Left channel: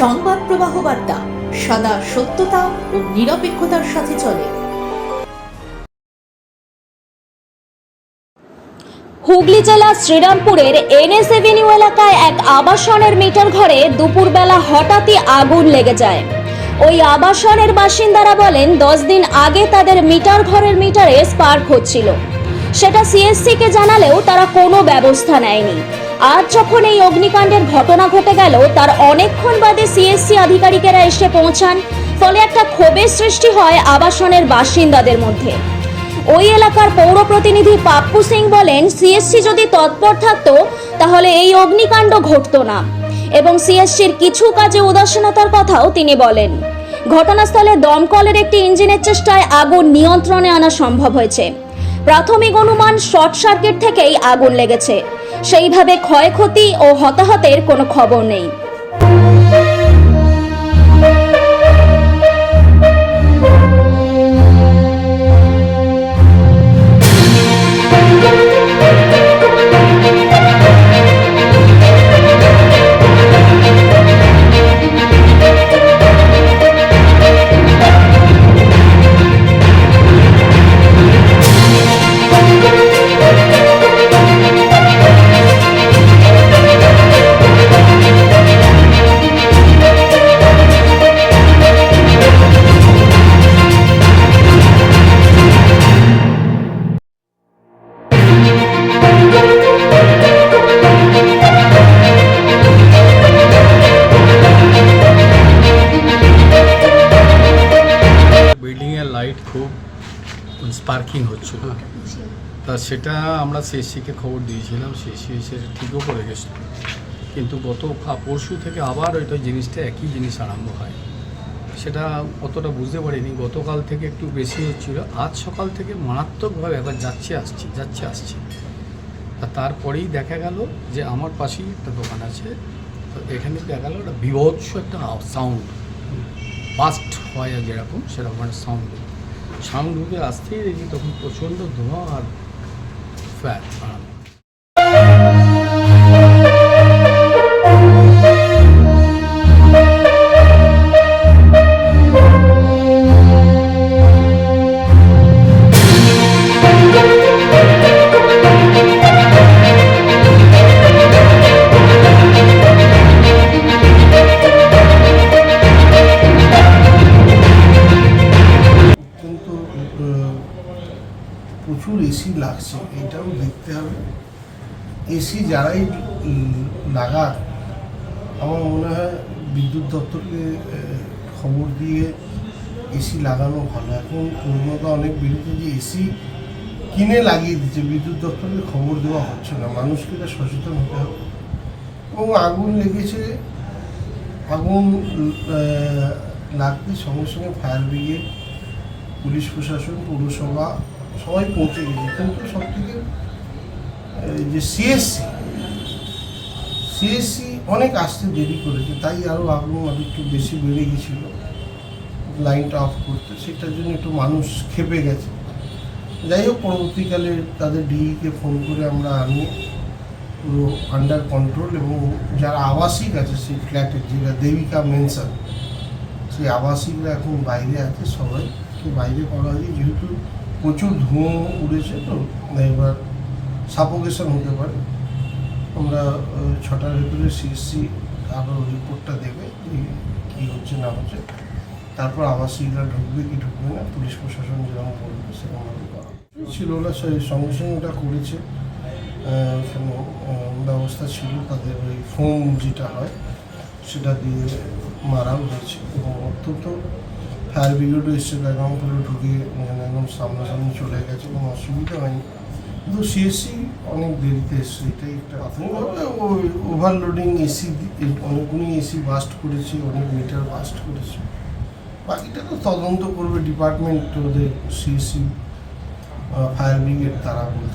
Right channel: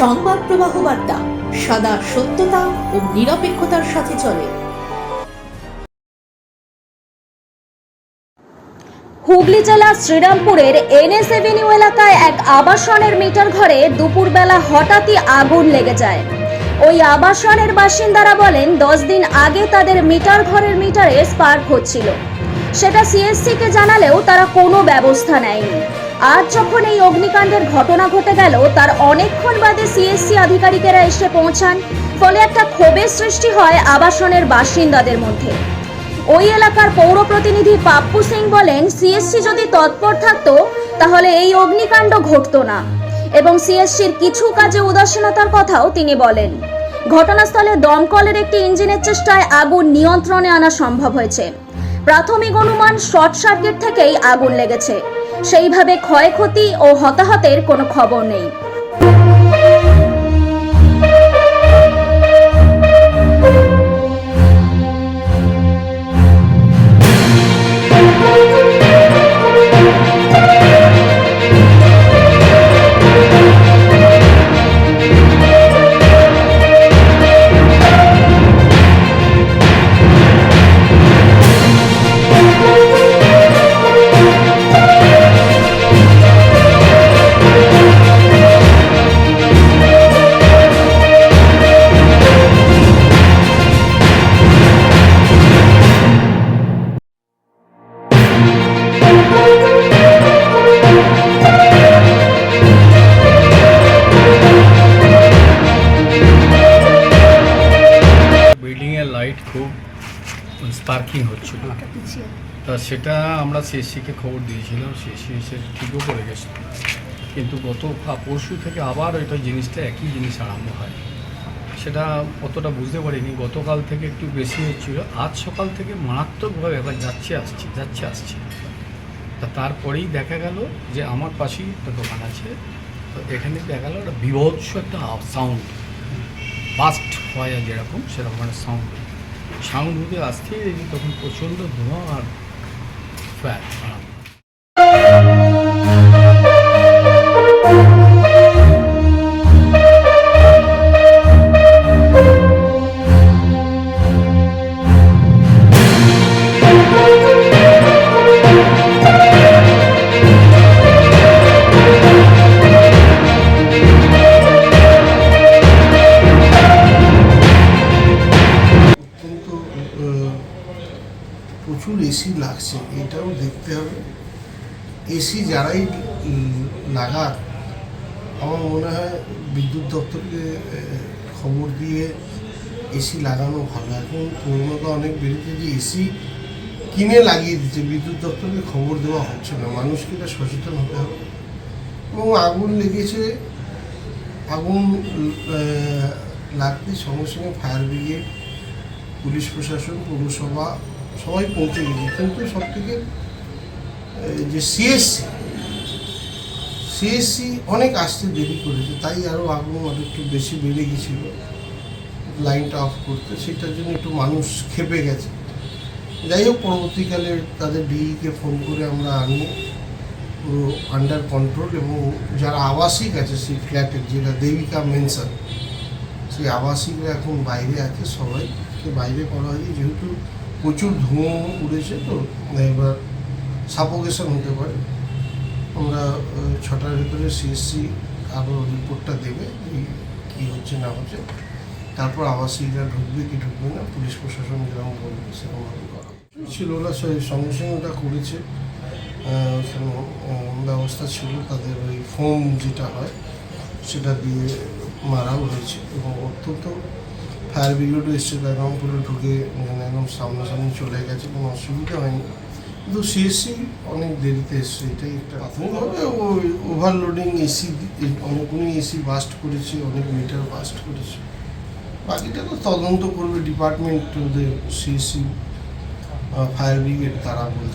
সংবাদ প্রবাহ বার্তা, সদা সত্যতা ও নিরপেক্ষতার সাথে চলে। হুগলি জেলা শ্রীরামপুরের এনএস এভিনিউ এলাকায় এক আবাসনের মিটার ঘরে দুপুরবেলা হঠাৎই আগুন লেগে যায়। ওই আবাসনের বাসিন্দারা বলেন, দশ দিন আগে তাদের মিটার ঘরের মিটারে স্পার্ক হচ্ছিল। সেটা সিএসসি কে জানালেও তারা কোনো ব্যবস্থা নেয়নি। আজ যখন এই অগ্নিকাণ্ডের ঘটনা ঘটে গেল, তার অনেকক্ষণ বাদে সিএসসি আধিকারিকেরা এসে পৌঁছান। ফলে একটা ক্ষোভের সৃষ্টি হয় আবাসনের বাসিন্দাদের মধ্যে। ওই এলাকার পৌর প্রতিনিধি পাপ্পু সিং বলেন সিএসসি যদি তৎপর থাকতো, তাহলে এই অগ্নিকাণ্ড ঘটতো না। এবং সিএসসির কিছু কাজে উদাসীনতার কথাও তিনি বলেন। ঘটনাস্থলে দমকলের একটি ইঞ্জিনের চেষ্টায় আগুন নিয়ন্ত্রণে আনা সম্ভব হয়েছে। প্রাথমিক অনুমান শর্ট সার্কিট থেকেই আগুন লেগেছে। সেইভাবে ক্ষয়ক্ষতি ও হতাহতের কোনো খবর নেই। স্পার্কিং হচ্ছিল তা সেটা আমরা সিএসসিকে খবর দিয়েছিলাম সিএসসি এসে ঠিকও করে গেছে। কিন্তু গত পরশু থেকে আবার ওইটা জিনিসটা একই জিনিস আরম্ভ হয়। সেটা অতটা বুঝতে পারিনি। গতকাল থেকে একটু বেশি হচ্ছিল। আজ সকাল থেকে মারাত্মকভাবে একবার যাচ্ছে আসছে যাচ্ছে আসছে। তা তারপরেই দেখা গেল যে আমার পাশেই একটা দোকান আছে। তো এখানে দেখা গেল একটা বিভৎস একটা সাউন্ড ফাস্ট হয় আর যেরকম সেরকম একটা সাউন্ড সাউন্ড ঢুকে আসতেই দেখি তখন প্রচণ্ড ধোঁয়া আর ফ্যাট এসি লাগছে, এটাও দেখতে হবে। এসি যারাই লাগাক, আমার মনে হয় বিদ্যুৎ দপ্তরকে খবর দিয়ে এসি লাগানো ভালো। এখন প্রবণতা অনেক বেড়েছে যে এসি কিনে লাগিয়ে দিচ্ছে। বিদ্যুৎ দপ্তরকে খবর দেওয়া হচ্ছে না। মানুষকে এটা সচেতন হতে হবে। এবং আগুন লেগেছে, আগুন লাগতে সঙ্গে সঙ্গে ফায়ার ব্রিগেড, পুলিশ প্রশাসন, পৌরসভা সবাই পৌঁছে গেছে। কিন্তু সব থেকে যে সিএসসি সিএসসি অনেক আসতে দেরি করেছে, তাই আরও আগুন আরও একটু বেশি বেড়ে গেছিল, লাইনটা অফ করতে। সেটার জন্য একটু মানুষ খেপে গেছে। যাই হোক, পরবর্তীকালে তাদের ডিইকে ফোন করে আমরা আনিয়ে পুরো আন্ডার কন্ট্রোল এবং যারা আবাসিক আছে সেই ফ্ল্যাটের যেটা দেবিকা মেনশন সেই আবাসিকরা এখন বাইরে আছে, সবাইকে বাইরে করা হয়েছে। যেহেতু প্রচুর ধোঁয়া উড়েছে তো এবার সাপোকেশন হতে পারে। আমরা ছটার ভিতরে সিএসসি আরও রিপোর্টটা দেবে কী হচ্ছে না হচ্ছে। তারপর আবাসিকরা ঢুকবে কি ঢুকবে না পুলিশ প্রশাসন যেরকম বলবে সেরকমভাবে করা ছিল ওরা সঙ্গে সঙ্গে ওটা করেছে। ওখানে ব্যবস্থা ছিল তাদের ওই ফোম যেটা হয় সেটা দিয়ে মারাও হয়েছে। এবং অত্যন্ত ফায়ার ব্রিগেডও এসছে একদম পুরো ঢুকে মানে একদম সামনাসামনি চলে গেছে, কোনো অসুবিধা হয়নি। কিন্তু সিএসসি অনেক দেরিতে এসছে, এটাই একটা প্রাথমিকভাবে ওই ওভারলোডিং এসি অনেকগুলি এসি বাস্ট করেছে, অনেক মিটার বাস্ট করেছে। বাকিটা তো তদন্ত করবে ডিপার্টমেন্ট ওদের সিএসসি ফায়ার ব্রিগেড তারা বলছে।